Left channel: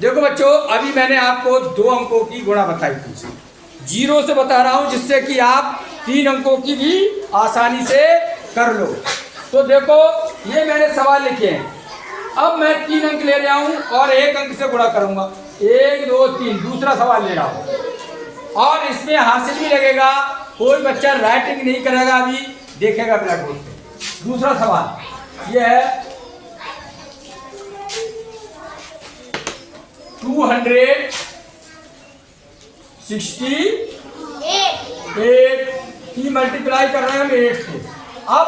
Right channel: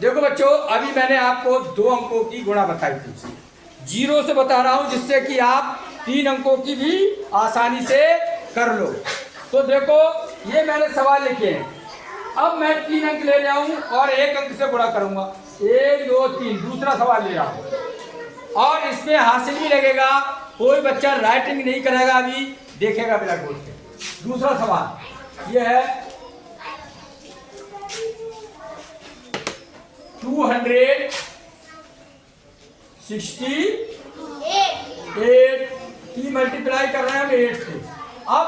देखो बच्चों, अभी मैंने आपको 2 अंकों की गुणा बताई थी। 0 से बता रहा हूं जिससे कि आप 3 अंकों की भी आसानी से कर लो। तो देखो, ये मैंने सवाल लिखे हैं। अब मैं 3 अंक ले रहा हूं और 1 अंक से गुणा करूंगा। 1 2 3 दूसरा सवाल ले रहा हूं और इसमें हासिल भी लगेगा। कोई बच्चा राइटिंग नहीं करेगा, अभी देखेगा ब्लैक बोर्ड पे। दूसरा सवाल ये है 268 की मल्टीप्लाई कर रहे हैं हम 8 से। अब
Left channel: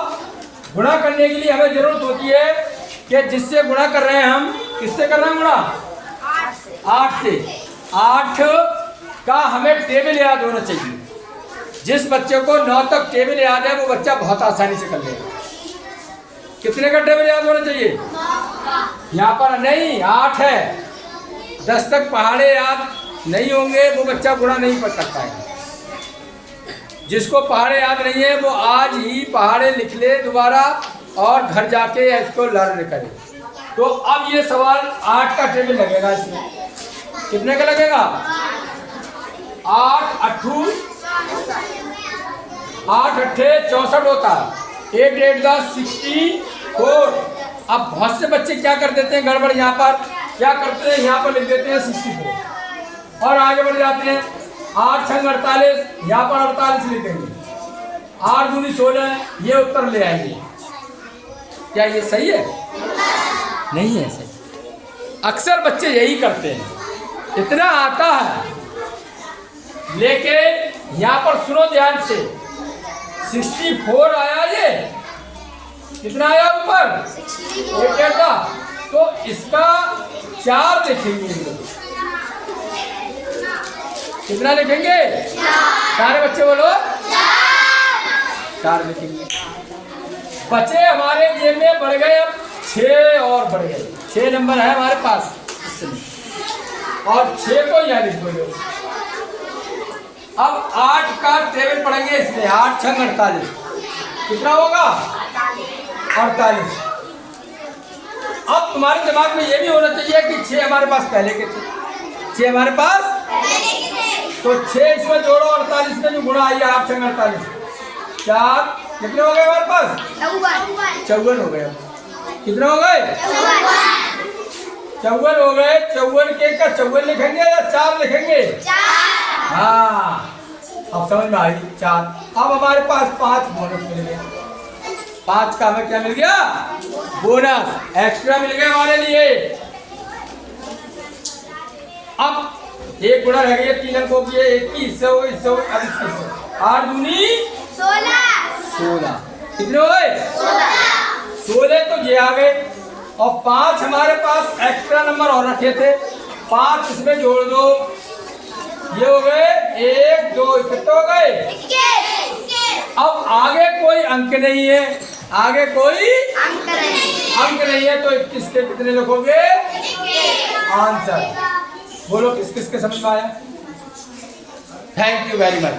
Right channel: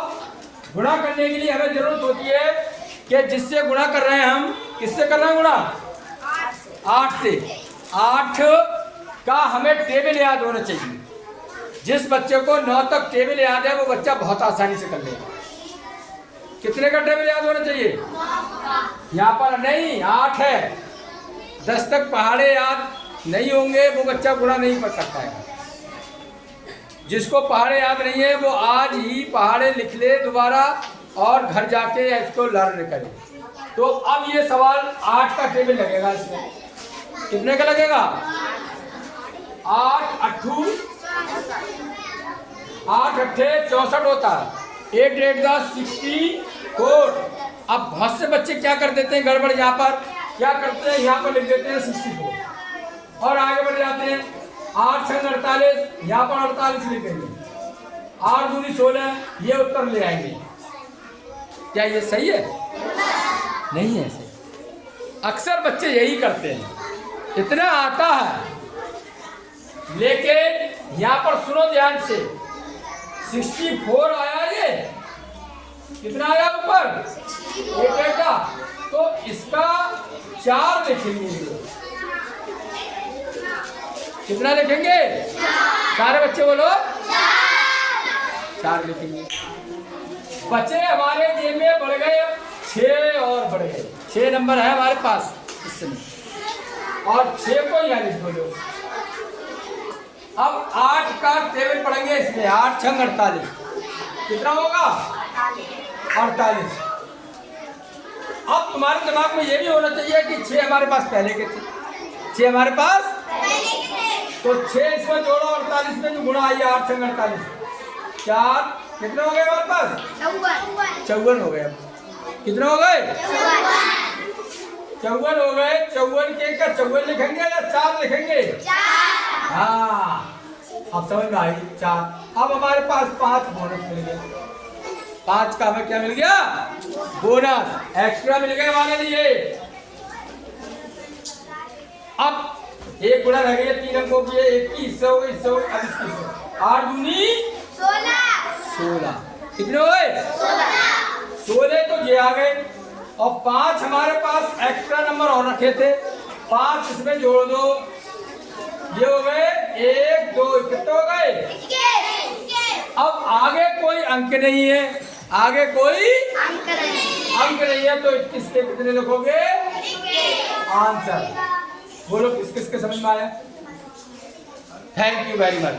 गुणा करने के लिए हमें जरूरत होती है कि जिससे गुणा कर रहे हैं हम, किससे कर रहे हैं गुणा? 8 से। 8 का हमें टेबल याद होना चाहिए। जिस बच्चे को 9 तक टेबल याद है वो बच्चा बहुत आसानी से कर लेगा। कितने का टेबल याद होना चाहिए? यहाँ पर नहीं, 8 है। 10 तक पहाड़े याद नहीं होंगे वो बच्चा गुणा नहीं कर सकता है। जिसको पहाड़े याद नहीं है वो आज ही पहाड़े लिख ले दोबारा और घर जाके इसको लर्न करे। तो अब ये सवाल 8 का टेबल लगेगा। इसमें कितने का लगेगा? 8 अट्ठू 8 अट्ठे 64 होता है। 8 8 10 64। अब बहुत से बच्चे क्या कर देते हैं गड़बड़, यहाँ पर क्या करते हैं, यहाँ पर लिख देते हैं 64 और आगे बढ़ जाते हैं। 8 छंग 48, यहाँ पर 48 लिखेंगे। 8 दूनी 16, ये उत्तर ले आएंगे। क्या ये सही है? नहीं है सही। अक्सर बच्चे यही करते हैं। इतना आता है लेकिन यहाँ पर सुनो ध्यान से, 64 आया। ये कितना आया ऊपर? 64 का। तो इसका 4 लिखेंगे। कितना लिखेंगे? 4 बच्चे बोलो। 4 लिखेंगे। बच्चे हमारे जेब में बढ़ गए, अब 6 और बढ़ गए। 6 नंबर है हमारे पास और 6 को यहाँ लिख दो। अब 8 का टेबल पढ़ेंगे इसमें। 8 छंग 48, कितना होगा? 48। अब तुम्हारे दिमाग में ये भी होना चाहिए कि 6 हमारे पास पहले के थे। 6 हमारे पास, तो 6 इसमें जोड़ो, 48 में जो गुणा आई 8 छंग 48, 4 कितने हो गए हमारे पास? 54 हो गए। कितने हो गए? 54 हो गए। 54 के का 54 लिखेंगे या 4 लिखेंगे? हाँ, अब समझ में आई। 4। अब हमारे पास 5 बोनस मिल गए। 5 का हमें क्या मिल गया? बोनस एक्स्ट्रा मिल गया हमारे लिए। अब एक गुणा रह गई 3 अंकों की। 21 हो गई, 8 दूनी 16। कितने हो गए? 16 तो ये आ गए और 5 हमारे पास एक्स्ट्रा नंबर और रखे थे। 5 इसमें जोड़ दो, ये हो गए 1 2। कितने हो गए? अब आगे कोई अंक नहीं है, आगे कोई अंक नहीं है, तो 21 के कितने लिखोगे? आंसर बोलो। किस किस के समझ में आया? Thank you very much.